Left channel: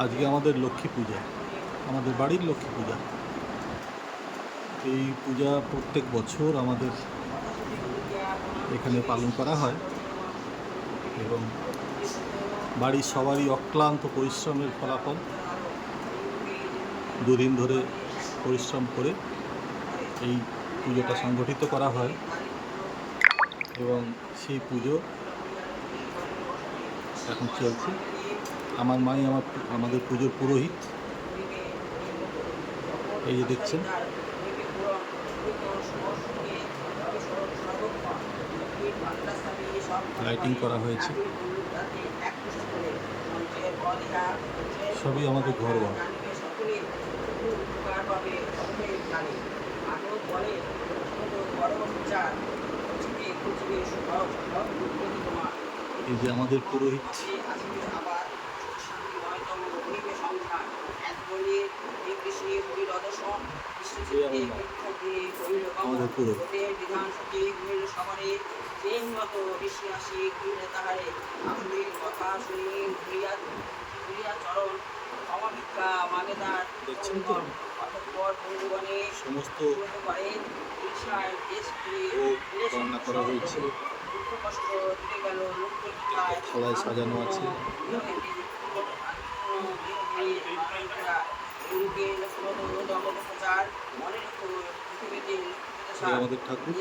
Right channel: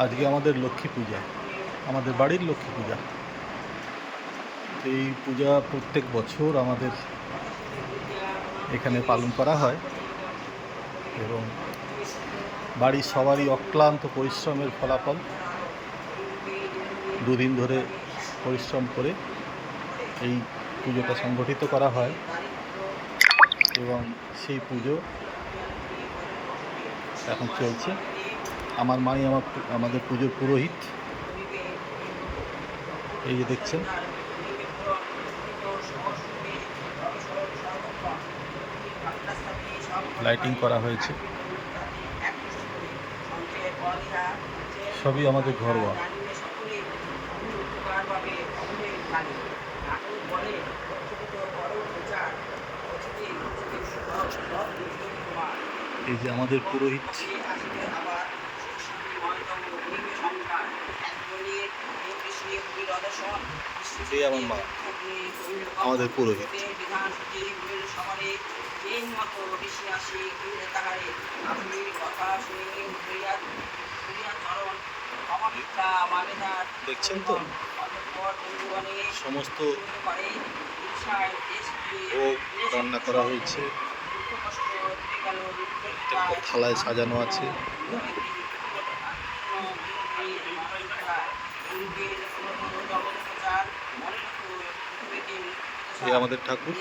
আজকে আমাদের লক্ষ্মী পূজা, আমাদের বাড়ির লক্ষ্মী পূজা। এই পূজা প্রত্যেক বছর আমাদের এখানে পালন করা হয় এবং বাড়ির সবারই অক্লান্ত পরিশ্রমের ফলাফল। দুদিন ধরে পরিশ্রম করে এই পুজোটা সংগঠিত করা হয় এবং সেই পুজো এখন চলছে। আমার মাই আমাদের পুজোর পুরোহিত। এই যে দেখছেন, লাইটিং করা হয়েছে, সবই আমাদের ঘরোয়া। এই যে আমাদের পুরোহিত, এই আমার মা, আমাদের পুরোহিত। দেখছেন তো সমস্ত ভোগ রান্না করা হয়েছে, প্রত্যেকটা থালায় সাজানো আছে। এই আমাদের ঠাকুর।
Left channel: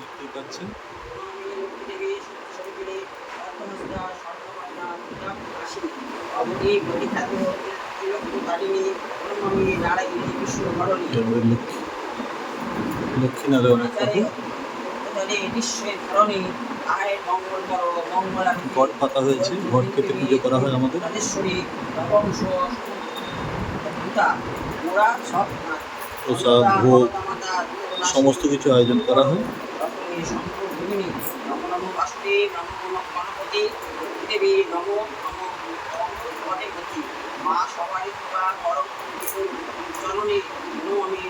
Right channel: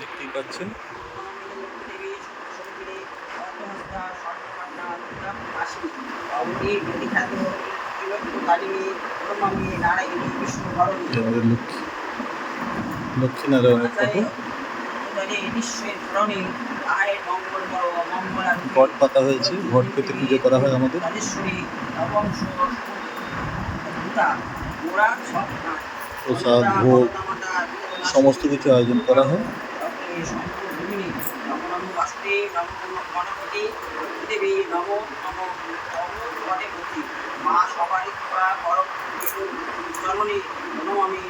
দেখতেই পাচ্ছেন, আমাদের লক্ষ্মীনারায়ণের ফটো। ঘট পাতা হয়েছে, ঘট পেতে পুজো করা হয় আমাদের। প্রসাদ, ভোগ, সমস্ত কিছু আয়োজন করা হয়। মা সবারই কৃপা করম জননী নমামি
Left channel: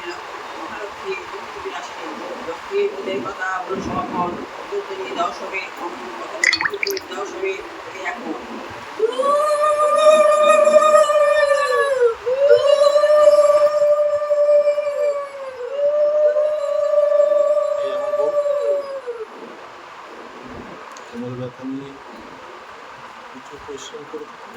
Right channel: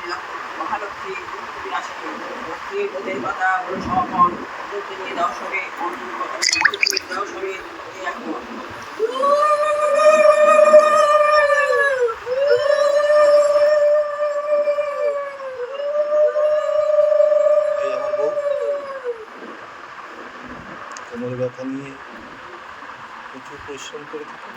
মহালক্ষ্মী বিনাশিনী লক্ষ্মী বোধের কথা বলে সমন দুর্দিনী দশমে অন্নপ্রথমে দশমে একমত। এই আমার বউ কোমরে ব্যথা নিয়ে প্রচুর পরিশ্রম করে থাকে।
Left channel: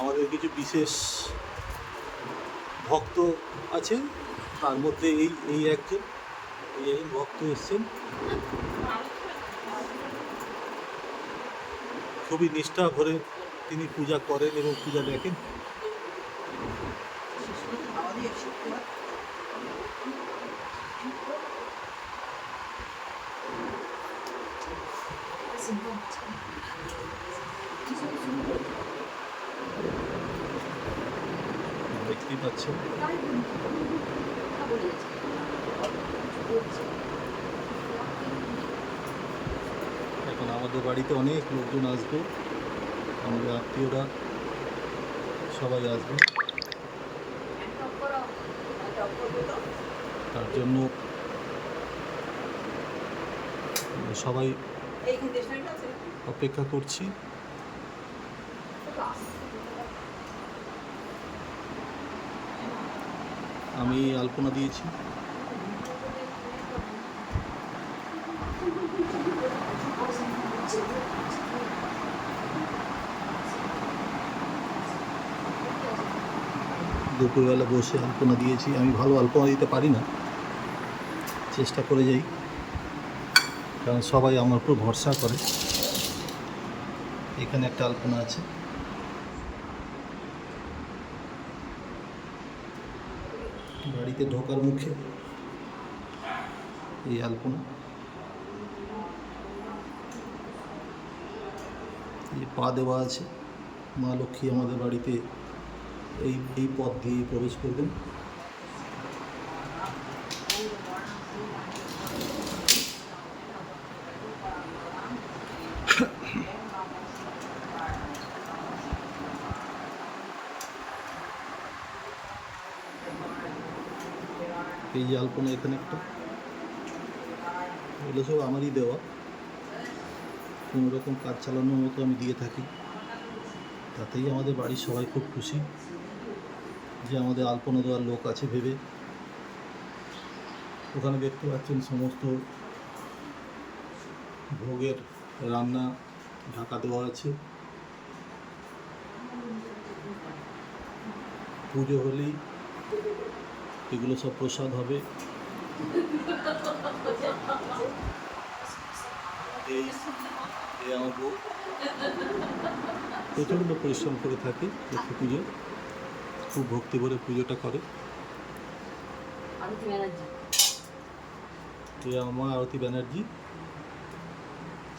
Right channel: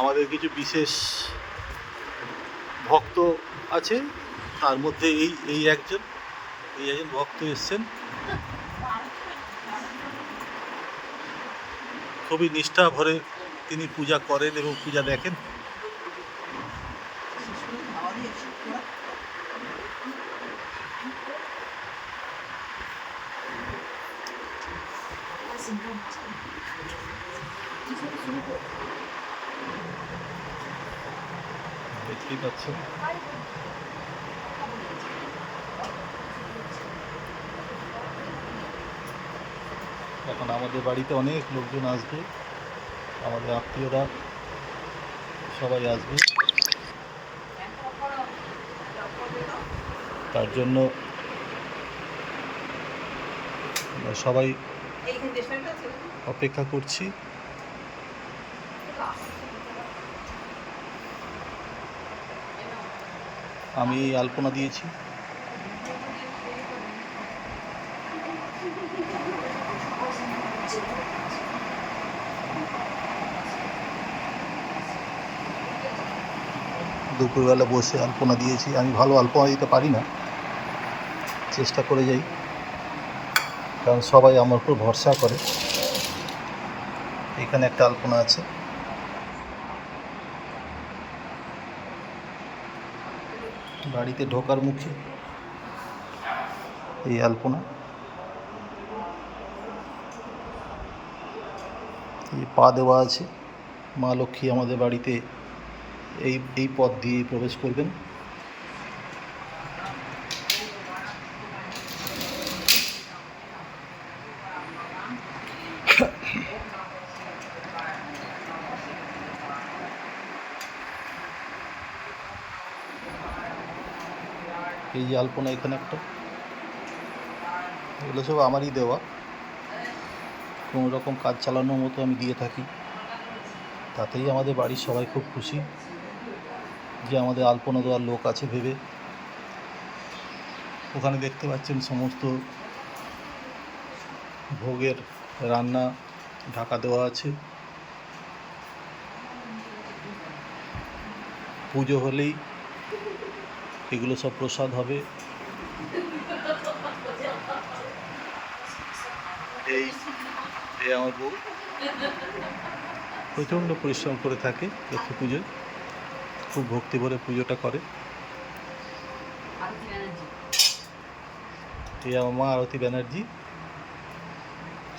আমাদের কিছু বিশেষ ভক্ত আছে, তার মধ্যে এই একজন ভক্ত এসছেন। খুবই নিষ্ঠা ভরে তিনি পূজা করেন এবং পূজা দেখেন। দেখতেই পাচ্ছেন, এখন আমাদের বাড়িতে অনেক লোকজন আসবে, আমাদের আত্মীয়রা সবাই আসবে। তার জন্য সবাই অপেক্ষা করছি। আমি আলপনা দিয়েছি। দুপুরবেলা বসে আলপনা দিয়েছি। আমি ভালো আলপনা দিতে পারি না, চেষ্টা করে যাই, কারণ সবাই আমার উপর ভরসা করে। এখানে একটা আলপনা আছে। বাড়িতে ঢোকার মুখে এই আলপনা। এই পা দেওয়া আছে, মা লক্ষ্মী আমাদের বাড়িতে এই পথ দিয়ে প্রবেশ করবেন। এই যে আলপনা এখানে একটা, এগুলো সব আমারই দেওয়া, কোনো রকম কাজ চালানোর মতো আমি দিয়ে থাকি। তাতেই আমাদের বাড়ির সবাই খুব খুশি যে আমাদের আলপনা দেওয়ার লোক আছে ভেবে। ওখানে দেখতে পাচ্ছেন সমস্ত ভোগের রান্না ঢাকা দেওয়া আছে। পুজো হলেই এগুলো সব প্রসাদ হবে। এই আমার বউ প্রচণ্ড পরিশ্রম করে থাকে লক্ষ্মী পুজো, খুব ভক্তি ভরে পুজোটা করে। এই আমার মা আরতি ব্যানার্জি,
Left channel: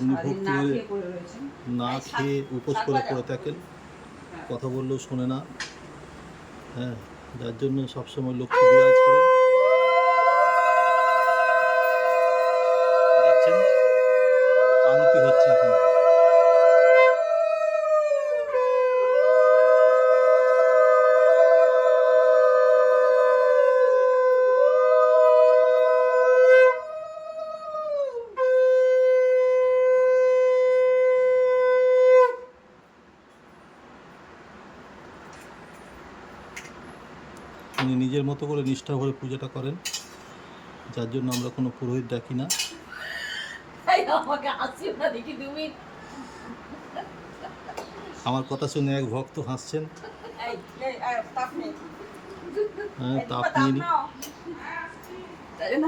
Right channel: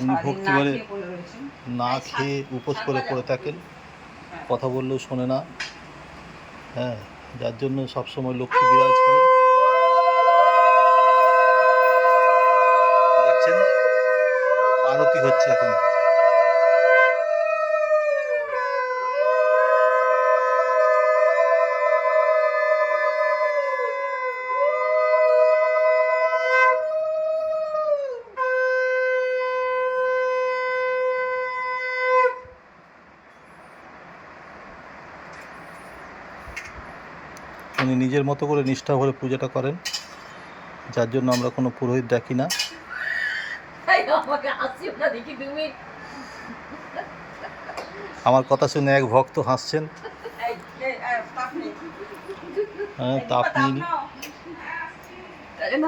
উনি ভক্তি ভরে না খেয়ে উপোস করে পড়ে থাকেন, কথা বললেও শোনে না। হ্যাঁ, যার জন্য সবসময় লক্ষ্মী বিরাজ করেন। দেখছেন আরতি হচ্ছে এখন। উনি নিজের মতো করে নিষ্ঠা ভরে পূজাটা করেন, যার জন্য আমরা কোনো পুরোহিত দেখি না। আমার কথা শুনে এক ভক্ত হাসছেন। হ্যাঁ, তাপ নিয়ে নি।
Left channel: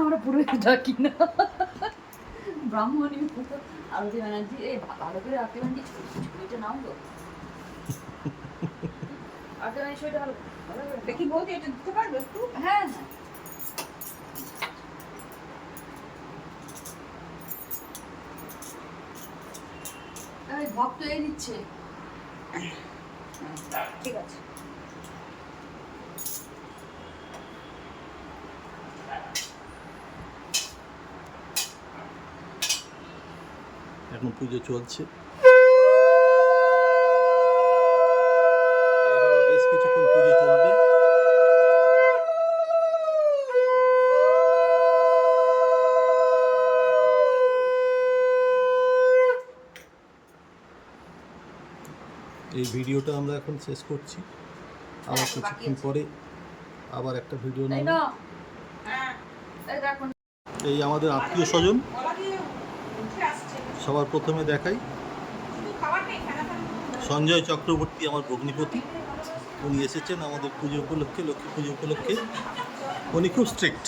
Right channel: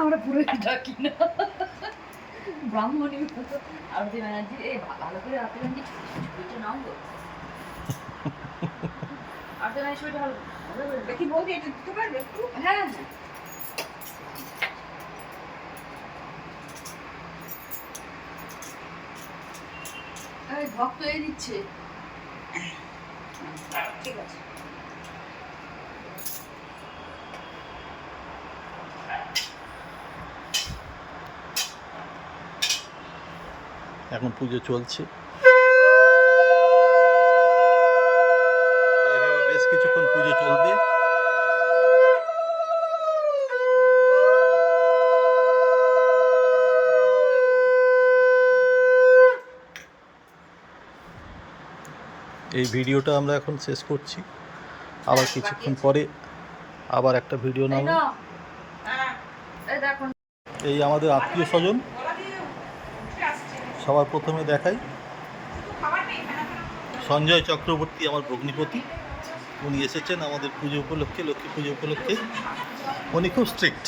আমরা পুরোহিত ডাকি না, ব্রাহ্মণী আরতি ব্যানার্জি। এই ভালো করে আরতি ব্যানার্জি ছবিটা নাও গো। আরতি ব্যানার্জি ছবিটা ভালো দেখি বলতে, এটা দিতে পারবে একটু? হ্যাঁ, এই ভক্ত এই দিচ্ছে। ঠিক আছে। এখন পুজো চলছে, বেশ কিছুক্ষণ পুজো চলবে। এই ভিডিওটা আমরা এখন শেষ করছি, আবার কিছুক্ষণ পরে আবার একটা ভিডিও নেব। এই আমাদের আত্মীয় স্বজন, সবার প্রথমে দেখাই সঞ্জয় চক্রবর্তী, আমার ভগ্নিপতি। উনি এসেছেন আমাদের পুজো উপলক্ষে, লক্ষ্মী পুজো উপলক্ষে। উনি খুব স্ট্রিক্ট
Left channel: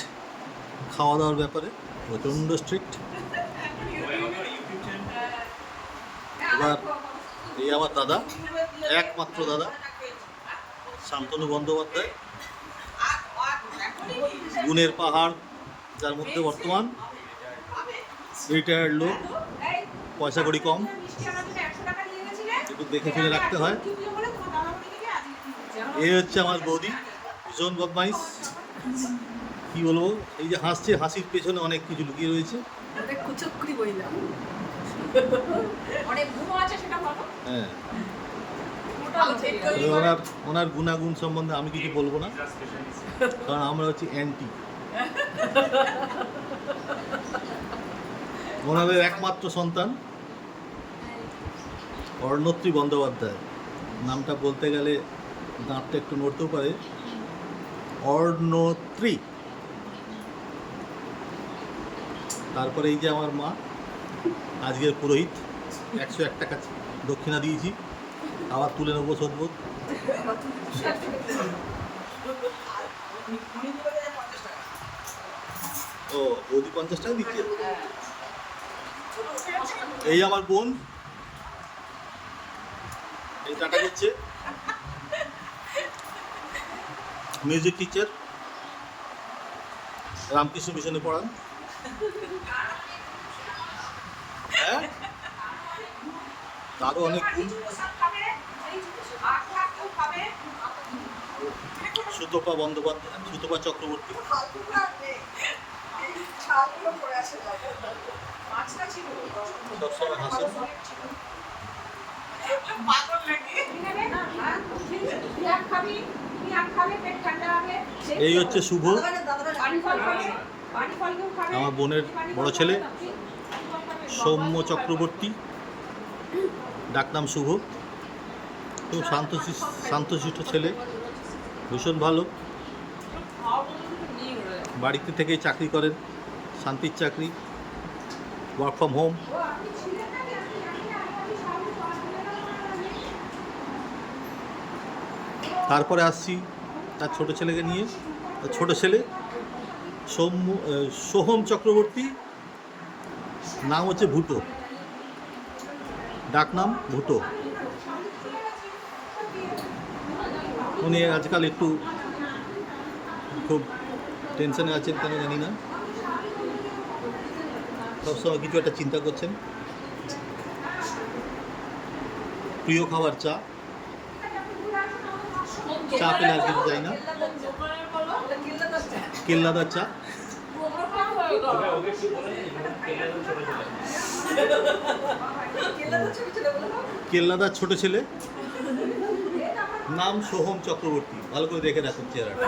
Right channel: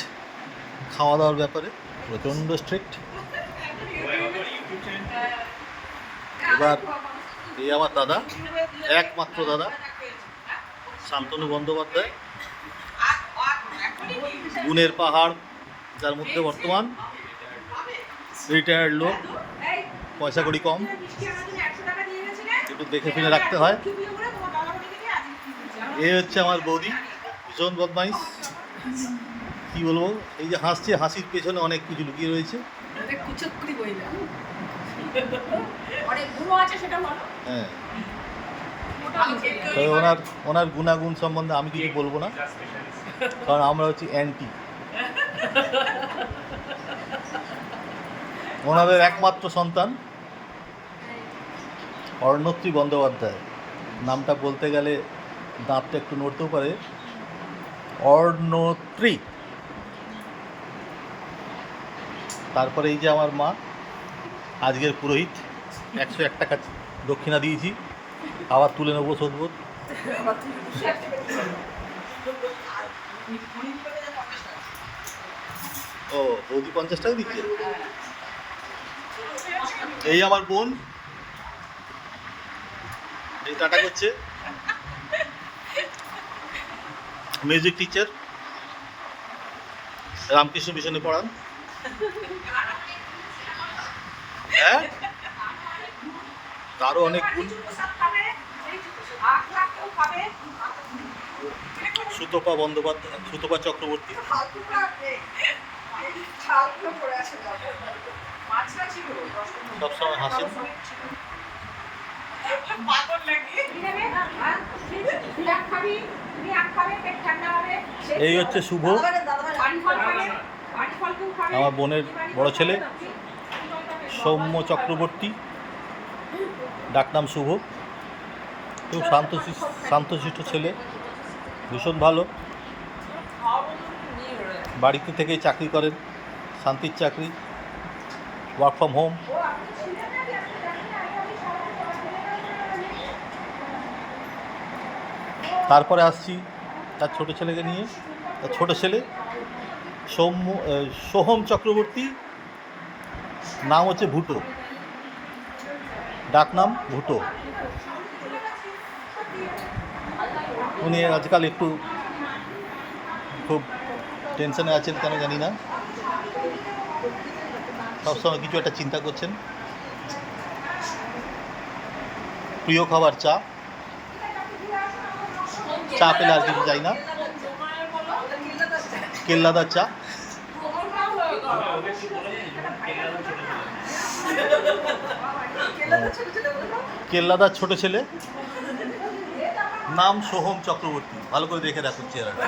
খাওয়া দাওয়ার ব্যাপারে, প্রচণ্ড স্ট্রিক্ট। এবার এই আমার দাদা, একমাত্র দাদা শান্তনু বন্দ্যোপাধ্যায়, গুণের পাহাড়, যার মধ্যে বর্তমান রিটায়ার্ড লোক, পয়সা কড়ি কম, একটু দেখে শুনে রাখতে হয়। এ হচ্ছে আমার বৌদি, ভীষণ বদমাইশ। কি বলবো, এই যে হাসছে, হাসির পেছনে অনেক কিছু লুকিয়ে রয়েছে। হ্যাঁ, তবে ওনার গুণাগুণ সম্বন্ধে আমি কিছু বলবো না, কারণ আমরা হচ্ছি অ্যান্টি। ওনাদের একমাত্র সন্তান অর্ণত্রী বন্দ্যোপাধ্যায়, নামটা বলতে গেলে দাঁতটা একটু নড়তেও পারে, অর্ণত্রী। তারপরে এই যে আমার মা, আজকের পুরোহিত, 101 টাকা দক্ষিণা দিয়েছি, আবার তুলে নেবো শোধবোধ। ও, বৌদি 50 টাকা দিচ্ছে। এই আমার বোন, এই টাটা করছে, মিউজিক টিচার, রামকৃষ্ণ মিশনে পড়ান। হ্যাঁ, তারও অনেক গুণ। সুতপা বন্দ্যোপাধ্যায়, সুতপা চক্রবর্তী, সবসময় হাসেন। এই হচ্ছে শুভ, আমার বোনের বড় ছেলে সৌম্য চক্রবর্তী, ডাকনাম শুভ। খুব শান্তশিষ্ট ছেলে, ভীষণ ভালো। বাড়িতে থেকেই চাকরি করেন, শান্তির চাকরি, ওয়ার্ক ফ্রম হোম। তারপরে আসছি তার ছোট ছেলেকে নিয়ে। তার ছোট ছেলে সোহম চক্রবর্তী, নাম হচ্ছে ভুটো, ডাকনাম ভুটো। উনি আজকাল একটু খুব টেনশনে আছেন, কেন জানি না, সবসময় কিছু একটা চিন্তা করছেন। প্রিয় খাবার চা, চা পেলে আর কিছু চাই না, কেল্লাদার চা। কেল্লাদার ছোট ছেলে, নাম সোহম চক্রবর্তী। ভালো করে দেখে রাখুন চেহারাটা।